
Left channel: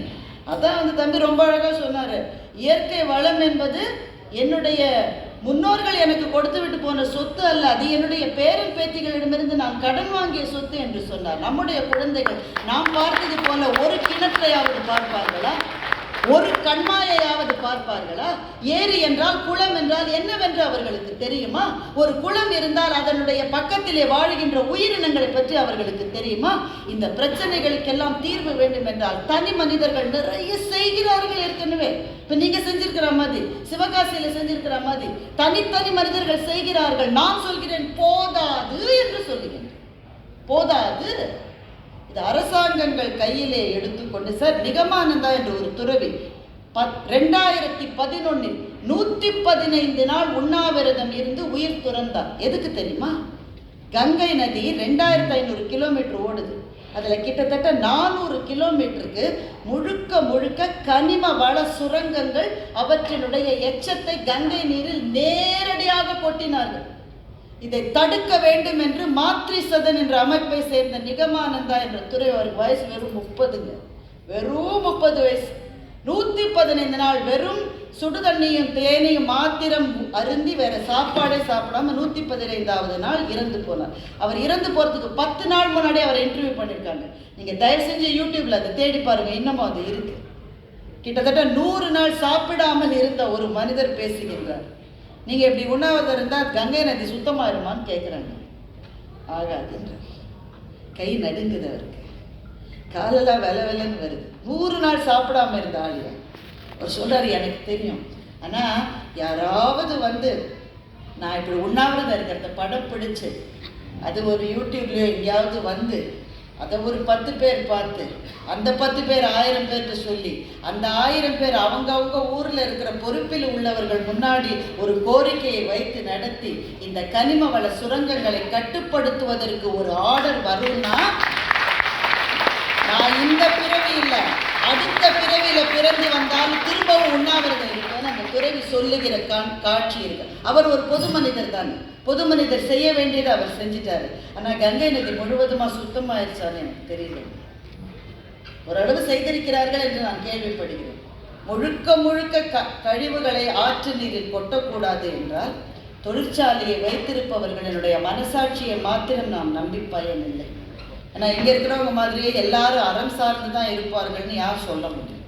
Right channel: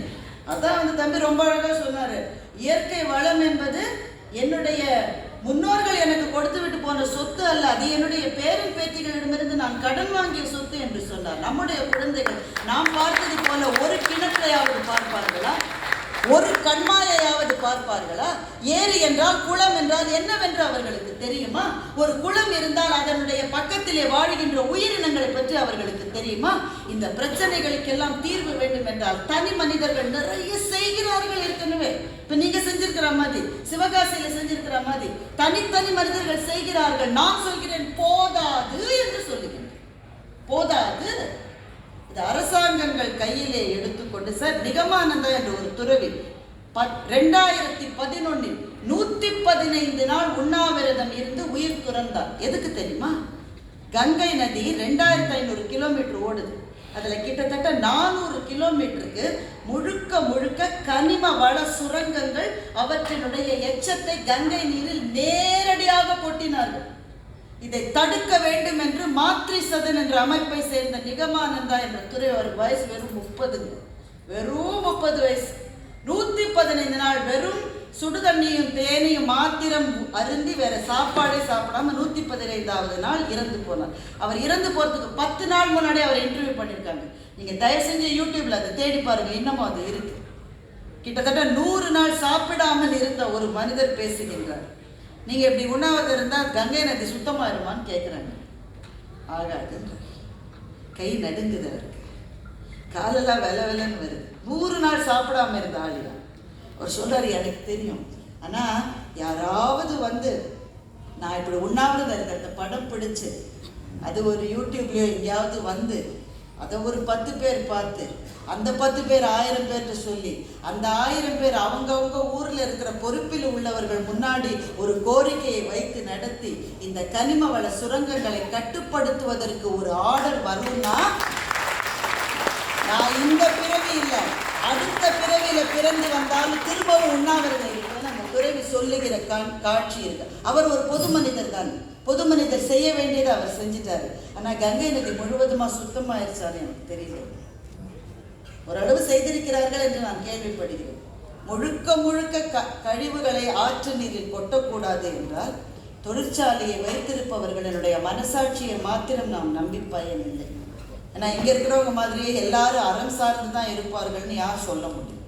அதான் அந்த தம்பி ரொம்ப அழகா சொன்னாரு. இயற்கை வளம் என்பது என்னுடைய முன்னோர்கள் எனக்கு கொடுத்து விட்டு போன சொத்து அல்ல. அது என்னுடைய பேரன் பேத்திகளிடமிருந்து நான் கடன் வாங்கிய சொத்து என்று சொன்னார். நம்முடைய குழந்தைகள் நாம் பார்த்தது போல ஒரு கிணற்றையாவது பார்ப்பார்களா ஒரு கண்மாயையாவது பார்ப்பார்களா? ஏரி என்றால் குளம் என்றால் என்னவென்று அவர்களுக்கு தெரியுமா? ஒரு குளம் இருந்தால் அதனுடைய பக்கத்திலே வாழுகின்ற உயிரினங்களை பற்றி அவர்களுக்கு தெரியுமா? இந்த பிரச்சனைகளுக்கெல்லாம் தீர்வு வேண்டும் என்றால் தனி மனிதர்கள் நிறைய செய்கிறார்கள் ஏற்கனவே. இப்ப நீங்க செஞ்சிருக்கிற மாதிரி சிவகாசியில செஞ்சிருக்கிற மாதிரி தனித்தனி மனிதர்கள் செய்கிறார்கள். நான் சொல்கிறேன் போதாது என்று சொல்லுகிறேன் போதாது. இது அரசாங்கங்கள் கையிலே எடுத்துக்கொண்டு சார் நிகமானந்தா என்ற ஒரு துறவி பத் ரெண்டாயிரத்தி பதினொன்னில் நூத்தி பதினைந்து நாள் உண்ணாவிரதம் இருந்து உயிர் துறந்தார் எதுக்கு தெரியுமா? கங்கை நதி ரெண்டாயிரத்தி ஐநூறு கிலோமீட்டர் ஓடுது. அதுல கிட்டத்தட்ட நானூறு கிலோமீட்டருக்கு முழுக்க முழுக்க கனிம வள சுரங்கங்கள் அவற்றினுடைய எச்சத்தை கங்கை நீரில் நேரடியாக கொட்டினார்கள். இதை தடுக்க வேண்டும் என்று மாத்ரி சதன் என்ற அமைப்பை சேர்ந்த நிகமானந்தா என்ற துறை ஒரு வயசு வெறும் முப்பதுங்க. வெறும் முப்பது வயசு. நூத்தி பதினைந்து நாள் வெறும் சுடுதண்ணியும் தேனையும் மாத்திரம் அருந்தி வேற சாப்பாடே சாப்பிடாம நூத்தி பதினைந்தாவது நாள் இறந்து போனார். அவர் இறந்து போறதுக்கு பத்து நாள் முன்னாடி அவர் இன்டர்வியூ பண்ணிருக்காங்க. நீங்க தயவு செஞ்சு யூடியூப்ல அதை தேடி பாருங்க இன்னமும் அது இருக்கு. கிட்டத்தட்ட நூறு நாள் சாப்பிடாமல் இருந்த ஒரு மனிதர் பேசுகின்றார். நீங்க இப்படி உண்ணாவது இருந்தா கங்கை நதி சுத்தமாயிருமான்னு கேட்குறாங்க ஆகாதுன்ற கை நடுங்குது அவருக்கு. காலெல்லாம் வெல வெலன்னு வருது. நூறு நாள் சாப்பிடாம இருந்தா ஆளியா அவர் சொல்றாரு எனக்கு தெரியும். ஆனா யாராவது வந்து நான் இப்படி உண்ணாவிரதம் இருக்கிறத படம் பிடிச்சு அது ஒரு யூடியூப்லயோ எங்கேயாவது வந்து அதை ஒரு பத்து பேர் பார்த்து அந்த பத்து பேர் ஆயிரம் பேர்கிட்ட சொல்லி அந்த ஆயிரம் பேர் அவங்கவங்க ஊர்ல இருக்கிற பொறுப்பில் உள்ளவர்கள் முன்னாடி ஒரு கோரிக்கையை வைத்து நடத்தி இந்த கனிம வள சுரங்கங்களை கட்டுப்படுத்துவதற்கு ஒரு ஆர்டர் வரும்னா நான் இந்த பிறவி இல்லை. பிறந்து வந்தாலும் திரும்பவும் உண்ணாவிரதம் இருக்கும்னு அந்த துறவி சொல்லுகிற கண் காட்சி இருக்கு அவர் ஒரு பொது மனிதர் தான். பொது மனிதர் செய்ய வேண்டியதை அவர் செஞ்சிட்டாரு. ஆனால் கங்கை நதி முழுவதுமா சுத்தமாயிருச்சான்னு எனக்கு தெரியல ஓரளவு செய்திருக்கிறார்கள் என்று நான் கேள்விப்படுகிறேன். முழுக்க முழுக்க க கழிவுகளை ஆற்று நீரில் கொட்டக்கூடாது என்றால் தொழிற்சாலையை வைத்திருப்பவர்களுடைய மனசாட்சியை மாத்திரம் நாம் நம்பி பயனில்லை. ஏன்னா இங்க இருக்கிறவங்க மாதிரியே எல்லாரும் அறம் சார்ந்து தான் இருப்பார்கள்னு யார் சொல்ல முடியும்?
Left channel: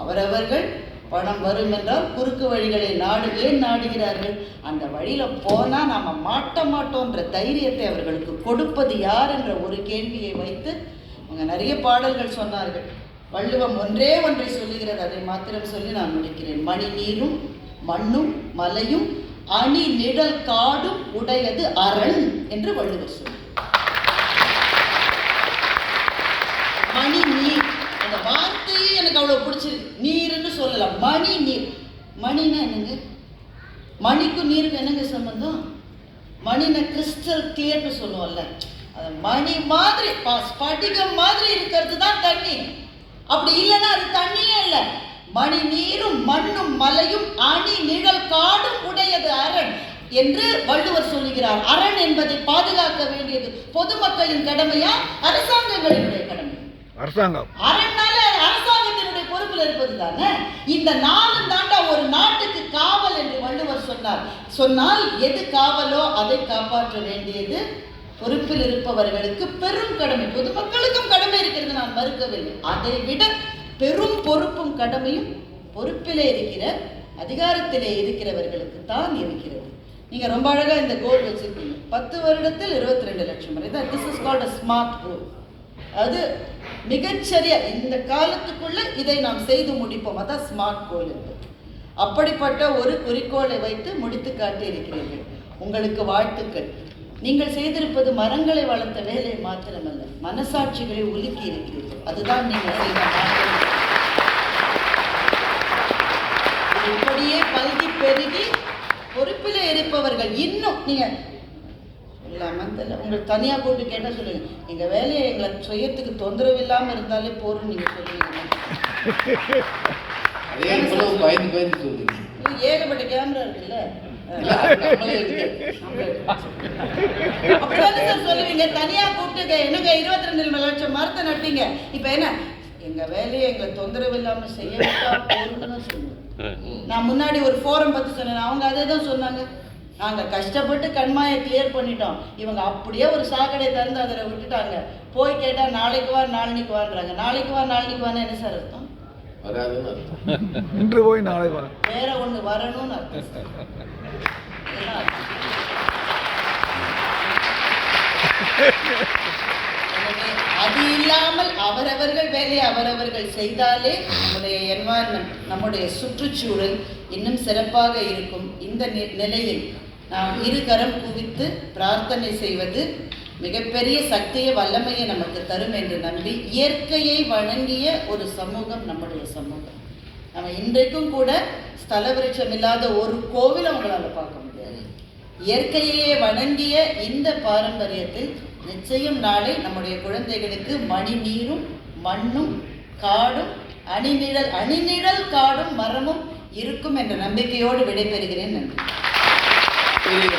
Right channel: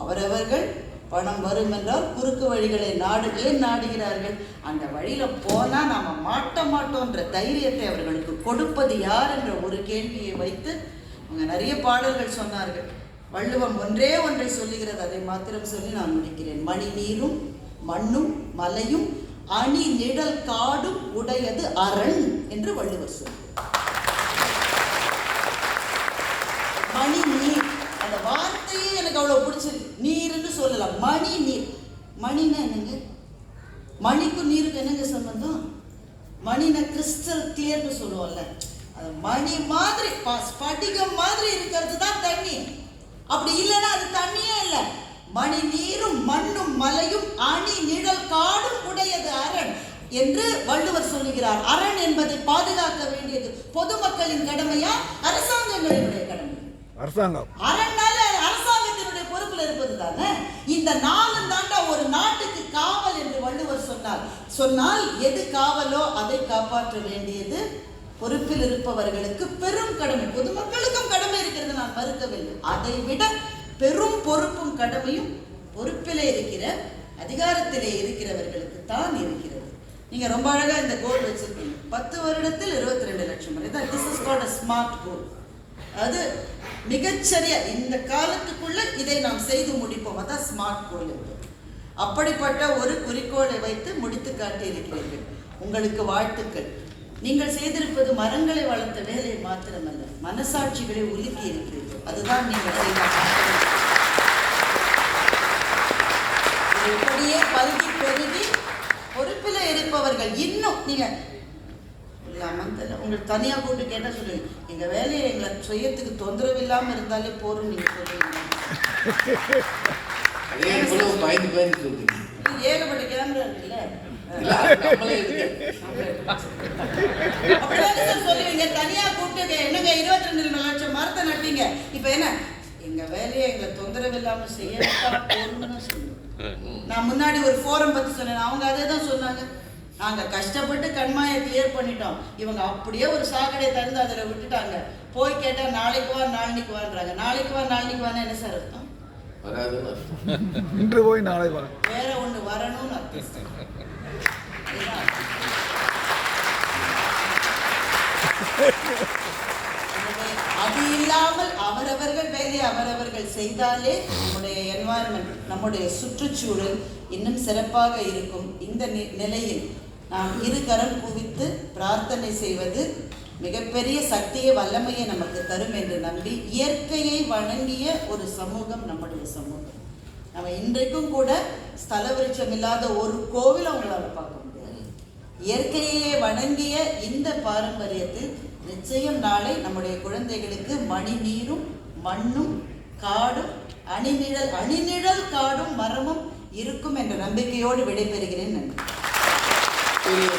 அவரவர்கள் பணம் வரும் என்றால் குறுக்கு வழிகளை நாடு ஏன் நாடுகிறார்கள்? அந்த வழியில போனா நாம மாட்ட மாட்டோன்ற தைரியத்தை அவர்களுக்கு கொடுப்பது யார் என்ற ஒரு கேள்வியை வைத்து அவங்க நிறைய பாடல்கள் சொன்னார்கள். வள்ளுவம் ஒன்றே ஒன்றை சொல்லுகிறது அதை மாத்திரம் சொல்லி நான் முடிக்கிறேன். மணி நீரும் மண்ணும் மலையும் அணி நிழல் காடும் உடையது அரண் என்று வள்ளுவர் சொல்லுவார் மணி நீர் அந்த வார்த்தையே எனக்கு அவ்வளவு பிடிச்சிருக்கு நீர்னு சொல்லலாம் மணி நீர் மணின்னா என்னங்க மணிக்கும் நீருக்கும் என்னங்க சம்பந்தம்? மணின கிறிஸ்டல் கிளியர்னு சொல்லுவோம்ல. மணி மாதிரி ப- ஸ்படிகம் மாதிரி இருக்கிறது தான் தண்ணி. அப்படி இல்லைன்னா அது தண்ணியே இல்லை. மணி நீரும் மண்ணும் மலையும் அணி நிழல் காடும் உடையது அரண் என்று வள்ளுவர் சொல்லுகிறார். அரண் என்பதை பாதுகாக்க வேண்டியது பொதுமக்களின் கடமையா? அரசாங்கங்களினுடைய கடமை அரசாங்கம். அரண்னால அரசாங்கத்தினுடைய பொறுப்புல இருப்பது தானே? இந்த நாலு தாண்டா ஒரு நாட்டுக்கு காவல் என்று வள்ளுவர் சொன்னார். சொன்னால் எது காவலோ அதை காப்பாற்ற வேண்டியது பொறுப்பில் இருப்பவர்களுக்கு பெரும் கடமை. பொதுமக்களுக்கும் கடமை இருக்கிறது நான் மறுக்கவில்லை. அதை விட பெரும் பொறுப்பும் கடமையும் பொறுப்பிலே இருக்கிற அதிகாரத்திலே இருக்கிறவர்களுக்கு தான் இருக்கிறது. நீங்க ரொம்ப அழகா இந்த கோல் வச்சிருக்கீங்க. பத்து வருடத்தில் இருபத்தி ரெண்டு லட்சம் வரை. This is called a smart goal அது மிகச்சரியா இந்த காலத்துக்குள்ள இதை நாம் செய்து முடிப்போம். அதான் ஸ்மார்ட் கோல் அப்படிப்பட்ட ஒரு குறிக்கோளை வைத்து முடித்து காட்டியிருக்கிறீர்கள். உங்களுக்கு வாழ்த்துக்கள். நீங்கள் செய்திருப்பது மரங்களை வளர்த்த வேலை மாத்திரமல்ல மனசாட்சிகளை உலுக்கி இருக்கிறீர்கள். அதுதான் நீங்கள் இப்படியே கல்வி பெருகி பொறுப்பில் இருப்பவர்கள் இன்னும் நீங்க உள்ள அமர்ந்தல உங்களுக்கு தனியா கூப்பிட்டு கேட்டா சொல்லுங்க. எங்க வேலையை எங்களை சுயத்துக்கு தொந்தரவு இல்லாம இருந்தாலே போதும் நீங்க சொல்லுவீங்க ஏகப்பட்ட கேமரா இருக்குல்ல? சொல்லுவீங்க? தனியா கூப்பிட்டு என்னங்க இருபத்தி ரெண்டு லட்சம் மரத்தை நட்டீங்க. இப்ப என்ன? எங்க வேலையை எங்களை தொந்தரவு இல்லாம செய்ய நான் முன்னாடி ஒரு ஃபோரம் பத்தி சொன்னேன். அவங்க அதே தான் சொன்னாங்க. நாங்க கஷ்டப்பட்டு கண்மாயை கிளியர் பண்ணிட்டோம். இவங்க அப்படியே ஒரு சாக்கடை திறந்து அதில் விட்டுட்டாங்க. போய் கேட்டா நாளைக்கு வா நாளைக்கு வான்றாங்க. நாளைக்கு வா நாளைக்கு வான்னு என்ன சார் அர்த்தம். இன்று போய் நாளை வா. வேற ஒண்ணு வரணும்னு அர்த்தம். அது இல்லாமல் அவரவர்கள் வேலையை அவரவர்கள் செய்தாலே நம்முடைய என்வாயன்மெண்ட் நம்முடைய சுற்றுச்சூழல் இன்னும் சிறப்பாக இருக்கும். இந்த நி- நிலையில் நாம் இருகரம் குவித்து பிரார்த்தனை செய்வது மிகப்பெரிய சக்தியை வல்லமையை நமக்கு தரும் என்று நம்பி இயற்கையை வழங்கிய ஒரு சமூகம் நம்முடைய சமூகம். நம்ம இன்றைக்கும் கூட ஸ்தல விருட்சம் இல்லாத ஒரு கோவில் அவங்களால பார்க்க முடியாது. இயற்கையே வணங்கிய இந்த பாரம்பரியத்தில் நிச்சயம் நாளை நம்முடைய குழந்தைகளுக்கு மணி நீரும் மண்ணும் காடும் அணிநிழல் அணிநிழல் காடும் மரமும் இருக்கும் என்ற நம்பிக்கையோடு விடைபெறுகிறேன். நன்றி. и